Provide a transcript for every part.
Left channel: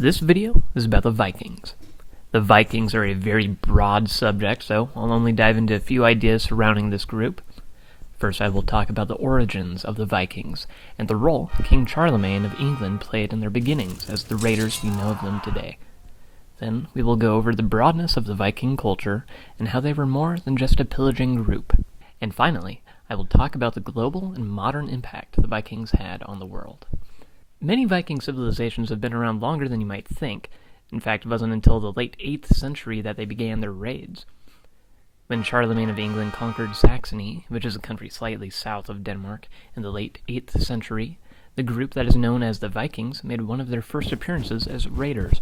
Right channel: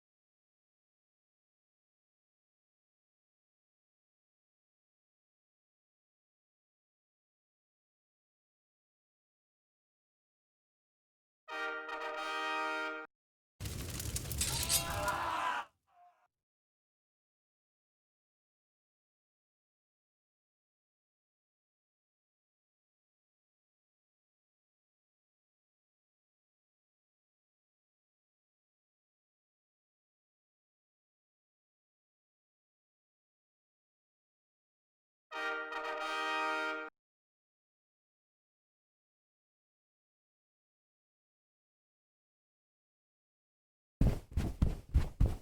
This video is about the Vikings. The Vikings are a very broad subject, so I'll only dive into a few ideas surrounding this group. First, I will talk about the origins of the Vikings and the role King Charlemagne of England played in their beginnings as the raiders we know of them today. Then we will go over the broadness of the Viking culture and how they were more than just a pillaging group. And finally, I will talk about the global and modern impact the Vikings had on the world. Many Viking civilizations have been around longer than you might think. In fact, it wasn't until the late 8th century that they began their raids. When Charlemagne of England conquered Saxony, which is a country slightly south of Denmark, in the late 8th century, the group that is known as the Vikings made one of their first appearances as raiders.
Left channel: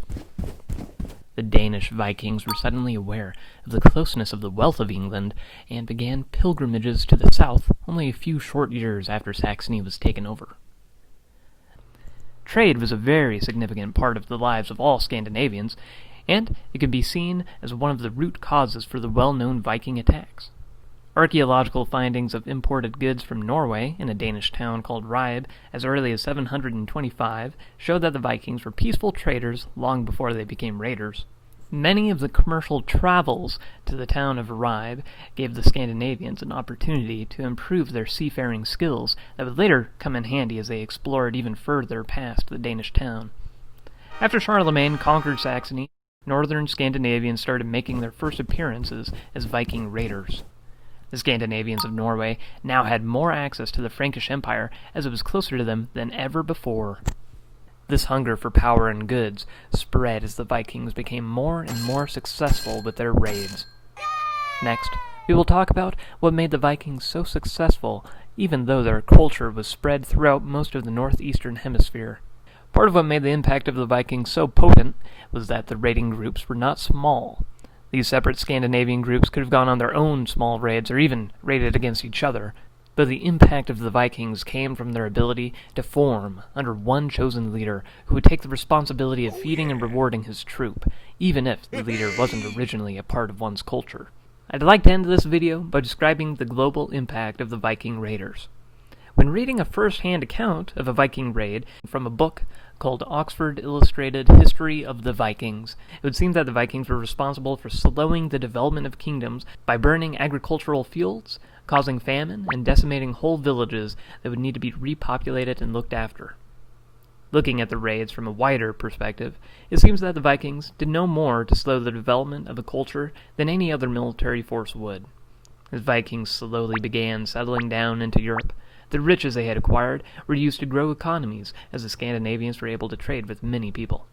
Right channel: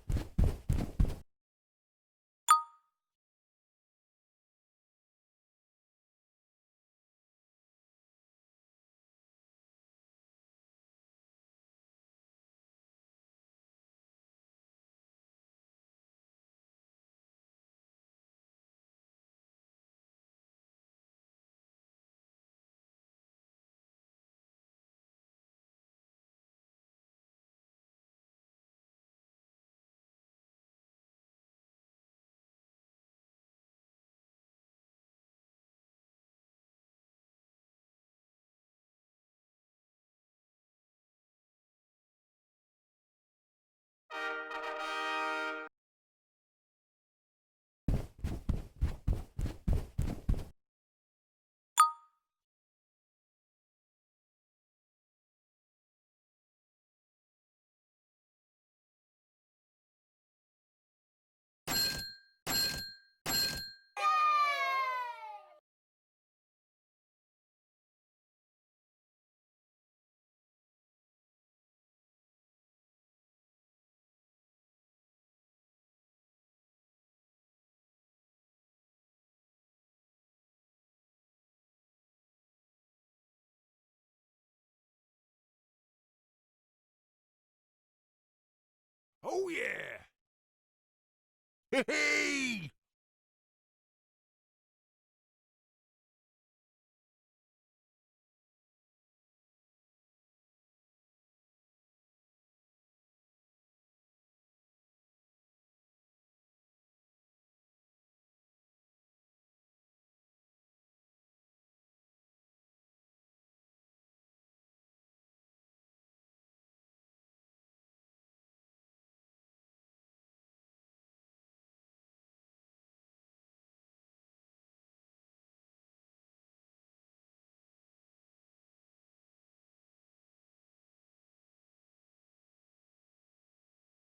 The Danish Vikings were suddenly aware of the closeness of the wealth of England and began pilgrimages to the south only a few short years after Saxony was taken over. Trade was a very significant part of the lives of all Scandinavians, and it can be seen as one of the root causes for the well-known Viking attacks. Archaeological findings of imported goods from Norway in a Danish town called Ribe as early as 725 show that the Vikings were peaceful traders long before they became raiders. Many of the commercial travels to the town of Ribe gave the Scandinavians an opportunity to improve their seafaring skills that would later come in handy as they explored even further past the Danish town. After Charlemagne conquered Saxony, northern Scandinavians started making their first appearances as Viking raiders. The Scandinavians of Norway now had more access to the Frankish Empire as it was closer to them than ever before. This hunger for power and goods spread as the Vikings became more and more successful with their raids. Next, we will talk about what made the Vikings so successful, even though their culture was spread throughout most of the northeastern hemisphere. Part of what made the impact of the Vikings so potent was that the raiding groups were not small. These separate Scandinavian groups could have gone on their own small raids or even raided against each other, but the impact of the Vikings came from their ability to form under one chosen leader who would take the responsibility of feeding and rewarding his troop, even if the leader wasn't originally a part of one's culture. I'd like to end this video by describing the global impact of the Viking raiders. When reading a first-hand account of a Viking raid from a book called Oxford Illustrated History of the Vikings, it would seem that the Vikings were responsible for slowing the development of kingdoms by burning agricultural fields, causing famine, and decimating whole villages that would need to be repopulated and looked after. Looking at the raids from a wider perspective, it seems that the Vikings did no more to slow the development of a culture than any other military force would. As Vikings slowly began settling down into Europe, the riches they had acquired were used to grow economies, as the Scandinavians were able to trade with many people.